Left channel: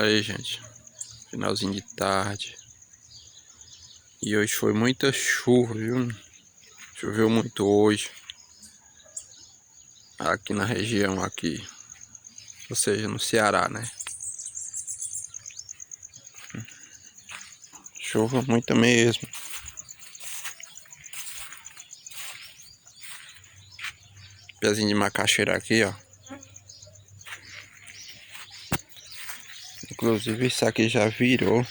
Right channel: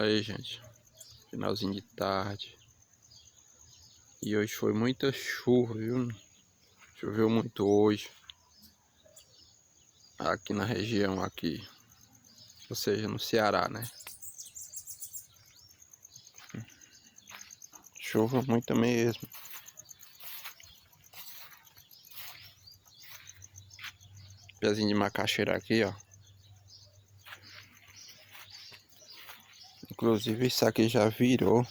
Aí, gente, finalzinho de tarde. E hoje foi muita chuva, viu? Choveu muito hoje. Aqui na região aqui. Ou seja, no Ceará, né? Chuva muita mesmo. Pezinho de macaxeira aqui, ó. Inclusive isso aqui já virou.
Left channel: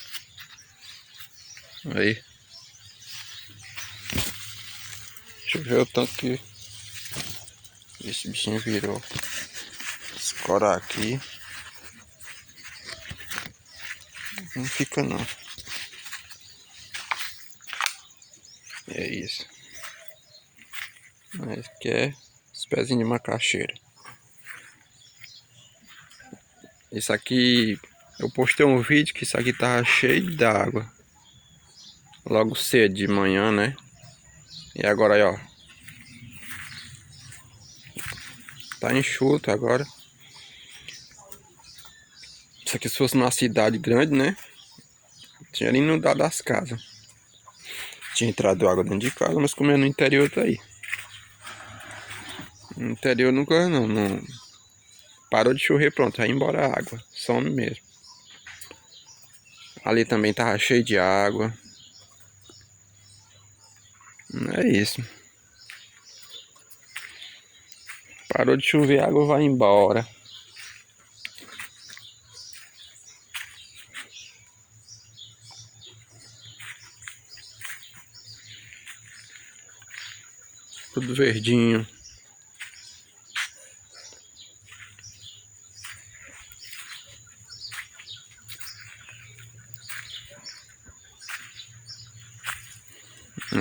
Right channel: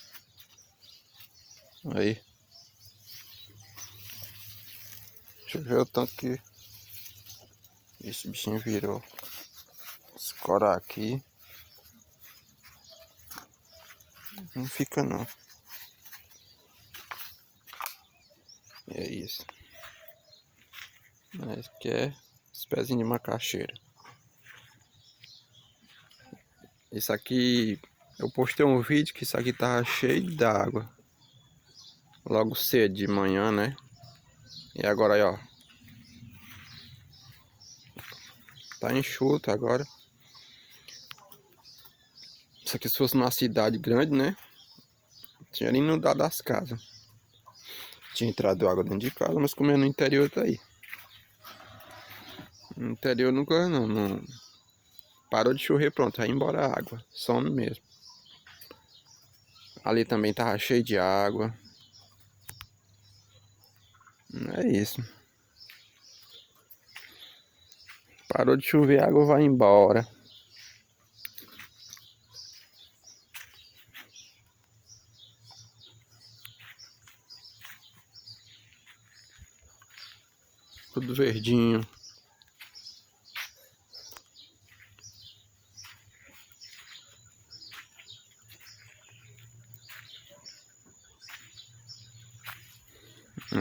Aí. Choveu tanto que esse bichinho virou. Escorar aqui. Não fica não. É isso. Esse aqui é os pezinhos de macaxeira. Isso aqui, eu postei um vídeo que isso aqui tava cheio d'água. Logo cedo de manhã, né? E agora aí, ó. Tá enxuto agora. Isso aqui se fosse numa cidade grande, né? Tinha inundado as casas. Tinha entrado água dentro de casa, mas como é no interior, tá aí. No interior nunca não. Parou de chover, pronto, vai embora a água. Some mesmo. Ali também tava cheio de água. É isso. Parou de chover, a água vai embora. Tudo verdinho.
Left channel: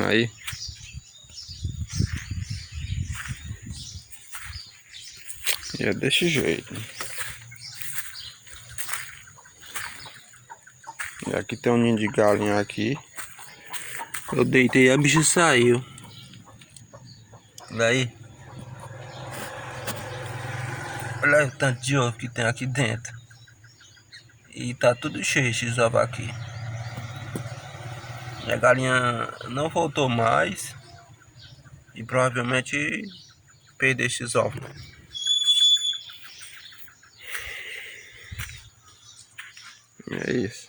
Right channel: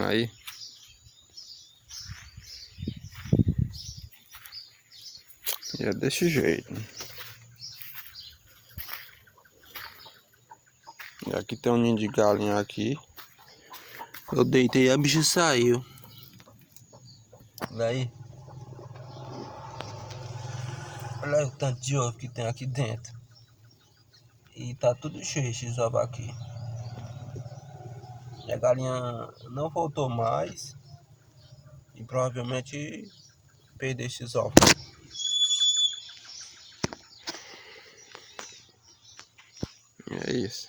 Aí. E é desse jeito. E aqui tem um ninho de galinha aqui. Eu deitei e a bicha saiu. Daí. Olha o tanto de ovo que tem aqui dentro. E tá tudo cheio esses ovos aqui. E a galinha não voltou mais. E provavelmente perdeu esses ovos. É isso.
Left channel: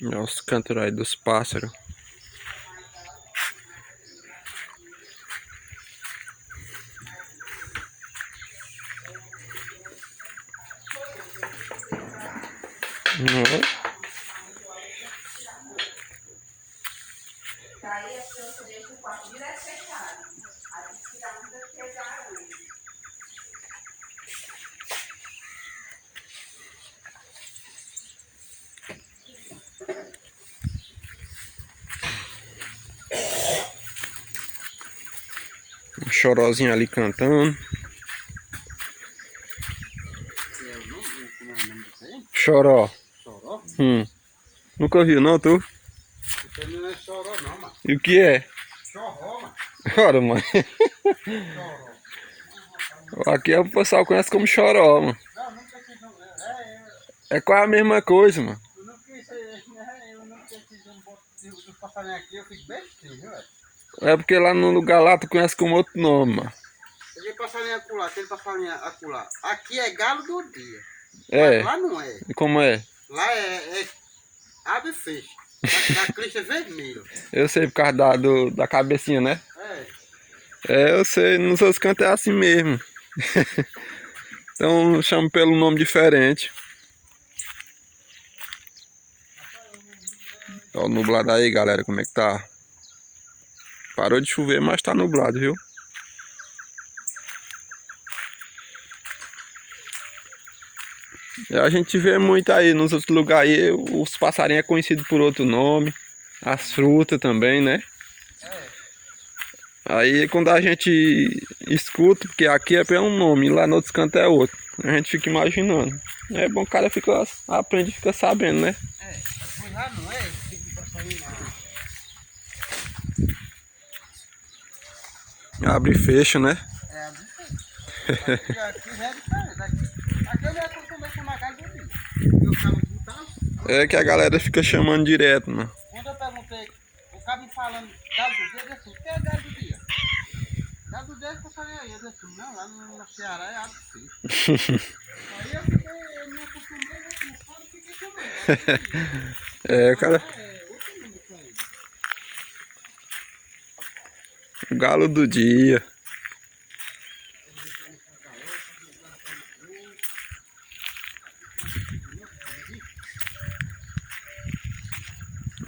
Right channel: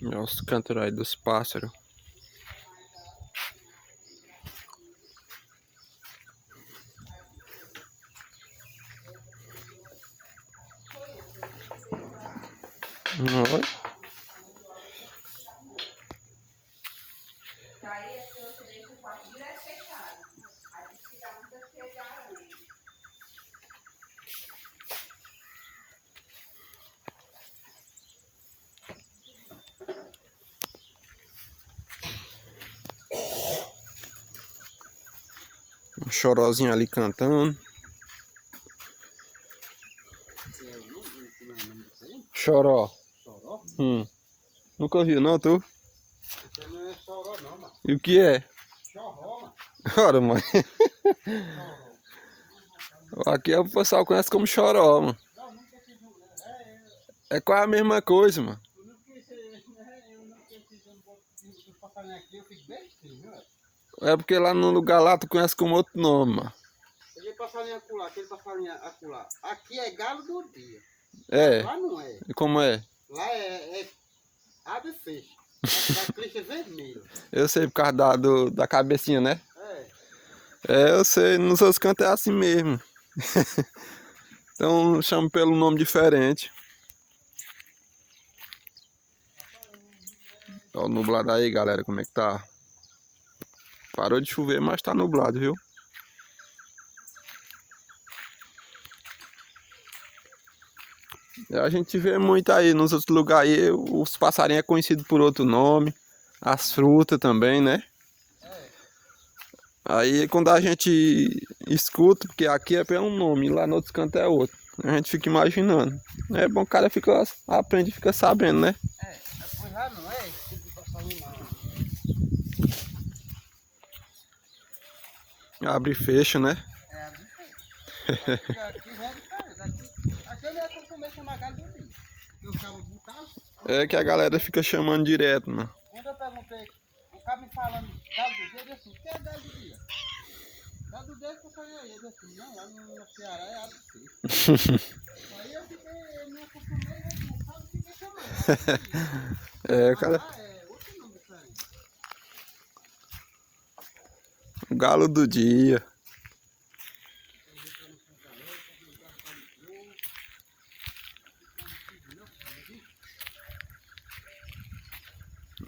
Olha os cantos aí dos pássaros. Um chorozinho ali cantando. Choró. Choró? Nunca viu não, tu? Isso não é choró não, mano. E o que é? Chorró, mano. Ora, mãe. Choró. Aqui o pessoal conhece como choró, mano. Não, nunca quis não. É quase a mesma coisa, mano. Eu não quis né? Eu nunca quis um passarinho aqui, eu fico bestinho, viu, velho? É porque lá no lugar lá tu conhece como outro nome, mano. Aquele passarinho acolá, aquele passarinho acolá. Aqui é galo do dia. É. Mas lá não é. E como é? Lá é ave feixe. Da crista vermelha. Eu sei por causa da cabecinha, né? É. É, eu sei, nos outros cantos é assim mesmo. Então chamo pelo nome diferente. Ó o nublado aí, galera, como é que tá? Parou de chover, mas tá nublado, viu? E a gente vê muito aí nos outros lugares aí, os passarinhos é conhecido por outro nome. As frutas também, né? Aí quando a gente escuta, porque aqui é pelo nome, lá no outro canto é outro. A gente fica imaginando. É bom que o cara aprende e fica sabendo, né? É, mas lá não é esse tipo de passarinho lá. Abre e fecha, né? É, aqui já é diferente. Aqui eu já acostumei chamar galo do dia. Eu ficava botando. É que a galera fica chamando direto, mano. Quando eu perguntei, o cara me falando galo do dia, eu disse assim, o que é galo do dia? Galo do dia é passarinho aí. Eu disse assim, não, lá no Ceará é algo assim. Aí eu me acostumei, não sabe o que é chamando. É, cara, É, outro nome isso aí. o galo do dia.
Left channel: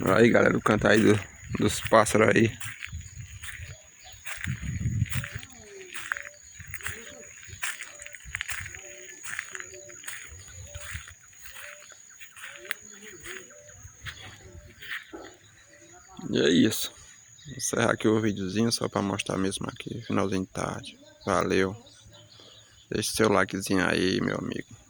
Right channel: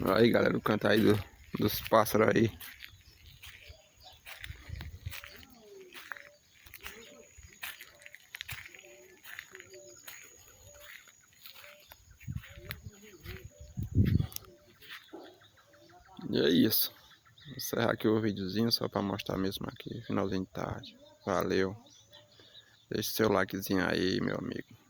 Aí, galera, o canto aí dos pássaros aí. E é isso. Vou encerrar aqui o videozinho só pra mostrar mesmo aqui, finalzinho de tarde. Valeu. Deixe seu likezinho aí, meu amigo.